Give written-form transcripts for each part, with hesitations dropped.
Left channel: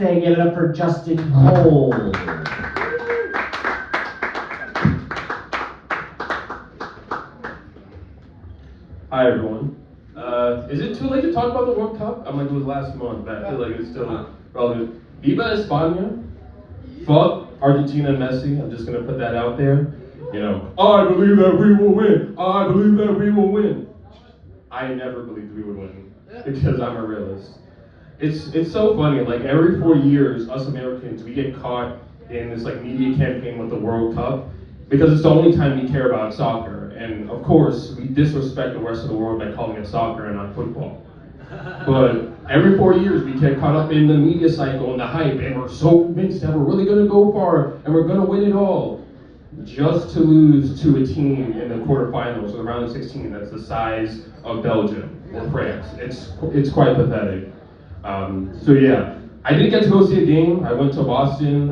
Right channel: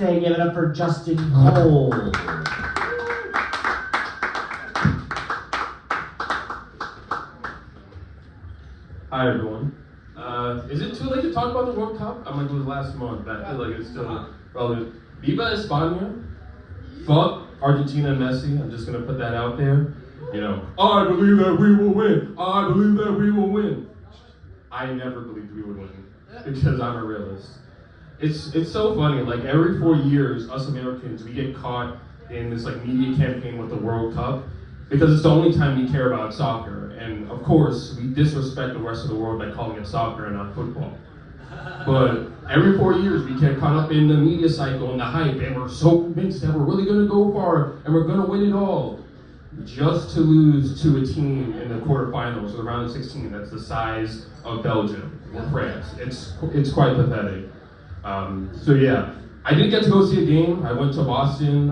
Say, give it up for Justin Cole. Hi everyone. Is it too late to talk about the World Cup? I'm like, it was last month, but I feel like it's still relevant. Viva España. Fuck Argentina and Messi. I'm just gonna put that out there. You know, I believe that we will win. I believe that we will win. I never believed we would win because I'm a realist. It's so funny. Like every 4 years, us Americans, we get caught in this like media campaign with the World Cup because it's the only time we care about soccer. And of course, we disrespect the rest of the world by calling it soccer and not football. But every 4 years, we get caught up in the media cycle and the hype, and we're so convinced that we're really going to go far and we're going to win it all, just to lose to a team in the quarterfinals or the round of 16 that's the size of Belgium or France. It's quite pathetic. So yeah, I didn't get to go see a game. I went to Boston,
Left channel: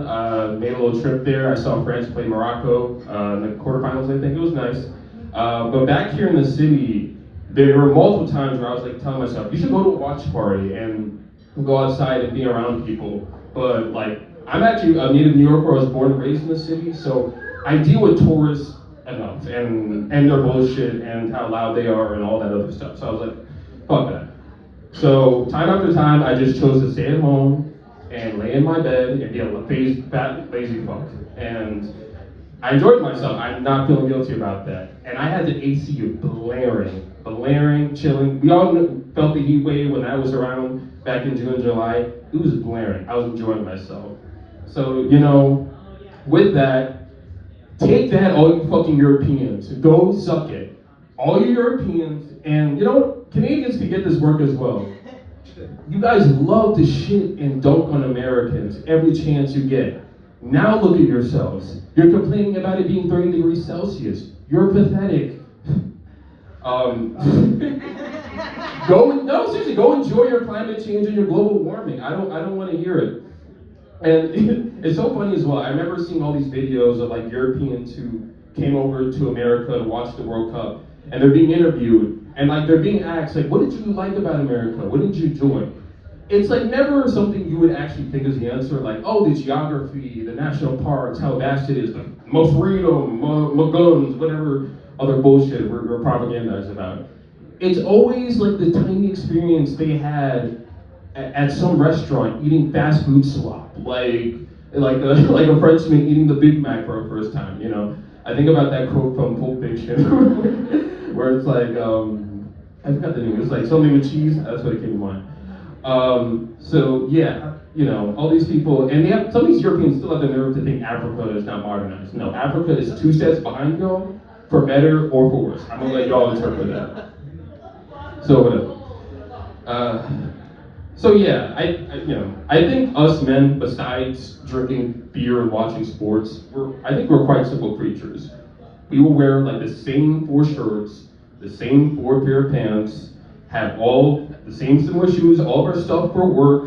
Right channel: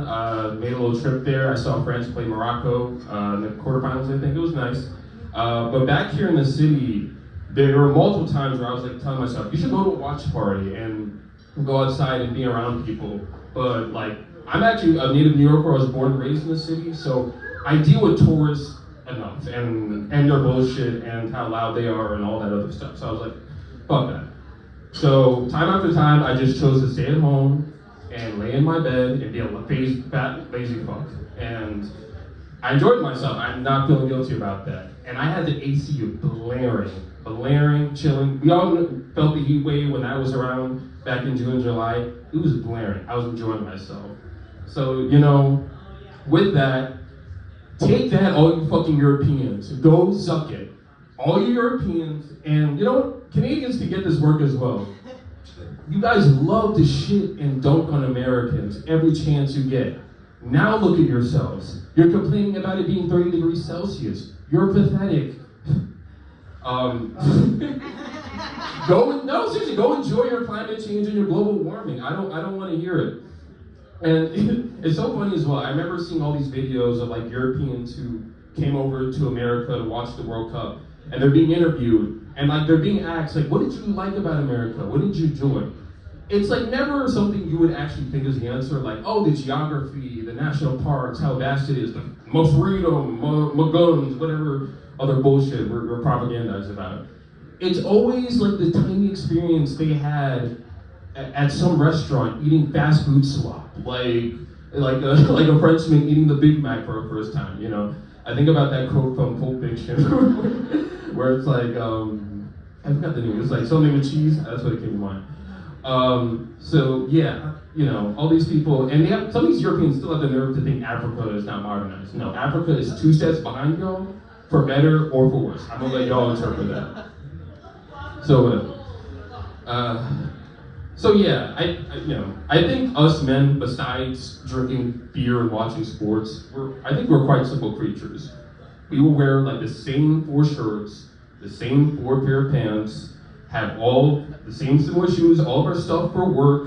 made a little trip there. I saw France play Morocco in the quarterfinals. I think it was nice. But back here in the city, there were multiple times where I was like telling myself, you should go to a watch party and go outside and be around people. But like, I'm actually a native New Yorker. I was born and raised in the city, so I deal with tourists enough and their bullshit and how loud they are and all that other stuff. So I was like, fuck that. So time after time, I just chose to stay at home and lay in my bed and be able to fat, lazy fuck. And I enjoyed myself. I'm not feeling guilty about that. And I had the AC blaring, chilling. We all felt the heat wave when that was around back in June and July. It was blaring. I was enjoying myself. So, you know, with that, take that, all you fucking Europeans. Go suck it. All you Europeans, and you know, Canadians can get this work as well. You guys love to shit and dunk on Americans every chance you get. Now look at yourselves. You're complaining about it being 30 degrees Celsius. You're pathetic. Seriously, go enjoy your climate change and your global warming. I don't want to hear it. And it's so funny as well. I remember seeing all these videos of like Europeans who came over to America to watch the World Cup, and they're being interviewed, and like they're being asked, like, what did you like about America? What did you enjoy? It's like never something you would actually think is the answer, like, oh, the geography, the national parks, how vast it is, the most freedom, more guns, whatever other bullshit we're propagandized about. It's always like the tiny experience they had at some restaurant eating fast food slop, like a Frenchman eating the Big Mac for the first time, you know? I think about that quote from Pulp Fiction, where it's like, I forgot the name, it's like something with cheese, that's what it came to mind. So yeah, you know, all these people, and some of these Europeans still have the nerve to think Africa is not modernized. No, Africa is 2 steps behind y'all, for better or for worse. I'm gonna let y'all interpret that. So whatever. So yeah, I think us men, besides drinking beer and watching sports, I think we're quite simple creatures. We will wear like the same 4 shirts, the same 4 pair of pants, have all the same similar shoes, all of our stuff for work,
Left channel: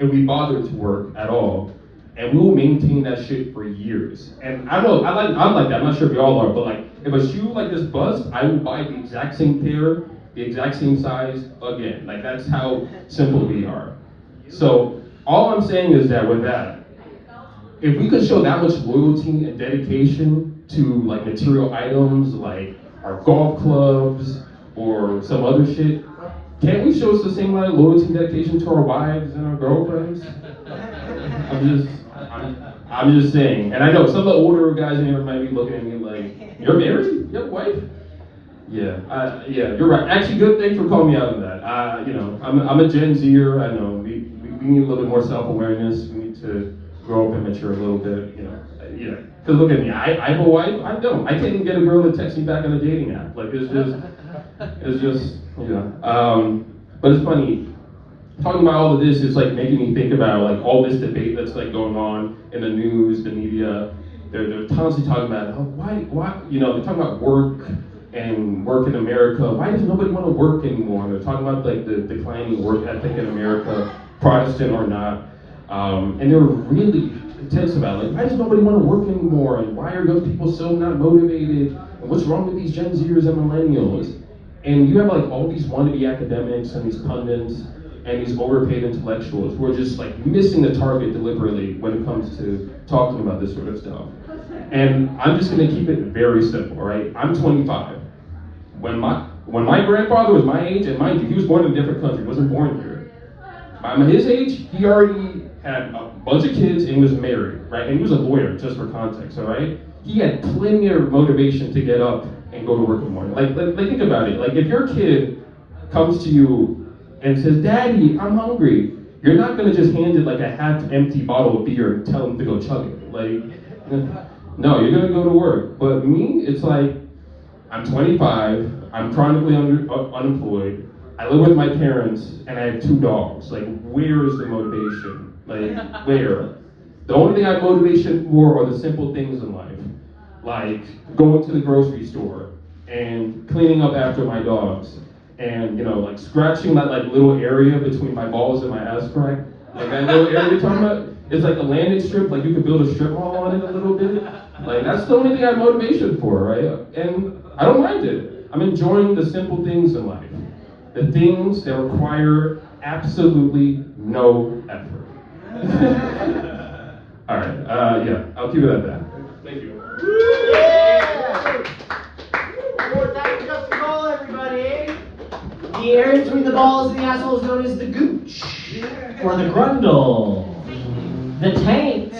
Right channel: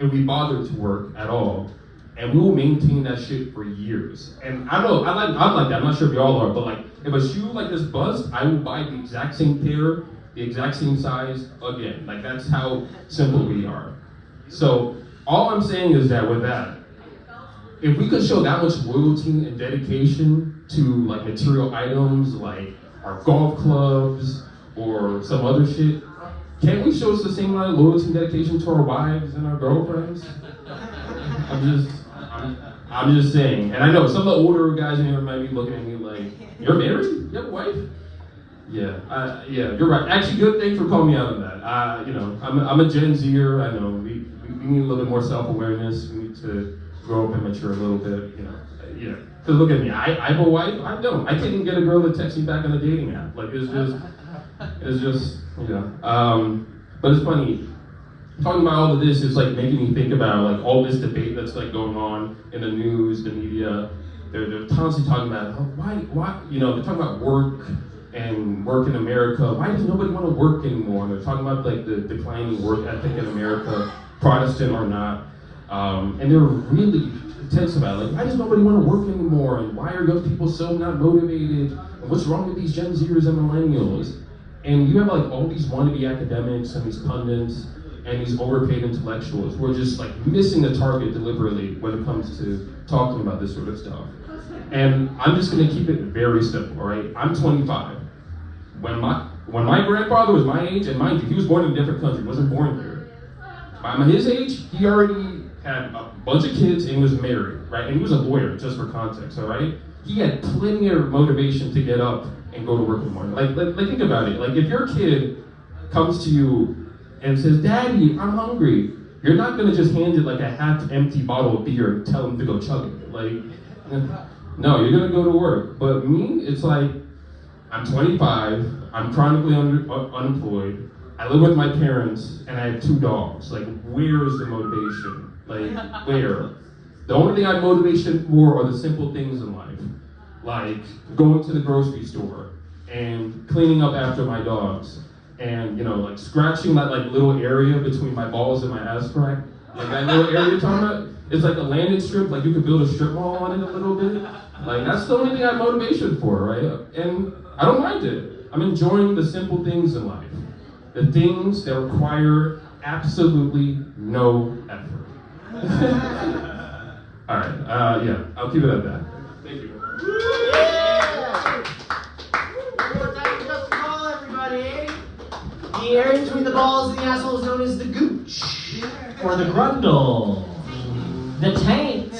and we bother to work at all. And we will maintain that shit for years. And I don't know, I'm like that, I'm not sure if y'all are, but like, if a shoe like this busts, I will buy the exact same pair, the exact same size again. Like, that's how simple we are. So, all I'm saying is that with that, if we could show that much loyalty and dedication to like material items, like our golf clubs or some other shit, can't we show us the same amount of loyalty and dedication to our wives and our girlfriends? I'm just saying. And I know some of the older guys in here might be looking at me like, you're married? You have a wife? Yeah, you're right. Actually, good, thanks for calling me out on that. You know, I'm a Gen Zer. I know we need a little bit more self-awareness. We need to grow up and mature a little bit. You know, yeah. Because look at me, I have a wife. I don't. I can't even get a girl to text me back on a dating app. Like it's just, you know. But it's funny. Talking about all of this is like making me think about like all this debate that's like going on in the news, the media. They're constantly talking about why, you know, they're talking about work and work in America. Why does nobody want to work anymore? They're talking about like the declining work ethic in America, Protestant or not. And they're really intense about it. Like, why does nobody want to work anymore? And why are young people so not motivated? And what's wrong with these Gen Zers and millennials? And you have like all these wannabe academics and these pundits, and these overpaid intellectuals who are just like missing the target deliberately when it comes to talking about this sort of stuff. And I'm just gonna keep it very simple, right? I'm 25. When my grandfather was my age, and mind you, he was born in a different country, wasn't born here. I'm his age, he already had a bunch of kids and was married, right? And he was a lawyer, just for context, all right? He had plenty of motivation to get up and go to work in the morning. Like think about it. Like if your kid comes to you and says, "Daddy, I'm hungry," you're not gonna just hand it like a half-empty bottle of beer and tell him to go chug it. Like, no, you're gonna go to work. But me, it's like, I'm 25, I'm chronically unemployed, I live with my parents, and I have 2 dogs. Like, where is the motivation? Like, where? The only thing I have motivation for are the simple things in life. Like going to the grocery store and cleaning up after my dogs. And, you know, like scratching that like little area between my balls and my ass crack. Like that little area you're talking about, it's like a landing strip, like you could build a strip mall on it a little bit. Like that's the only thing I have motivation for, right? And I don't mind it. I'm enjoying the simple things in life. The things that require absolutely no effort. All right, yeah, I'll keep it at that. Thank you. More time to just roll, everybody. The area between the balls and the asshole is known as the gooch, or the grundle, the taint,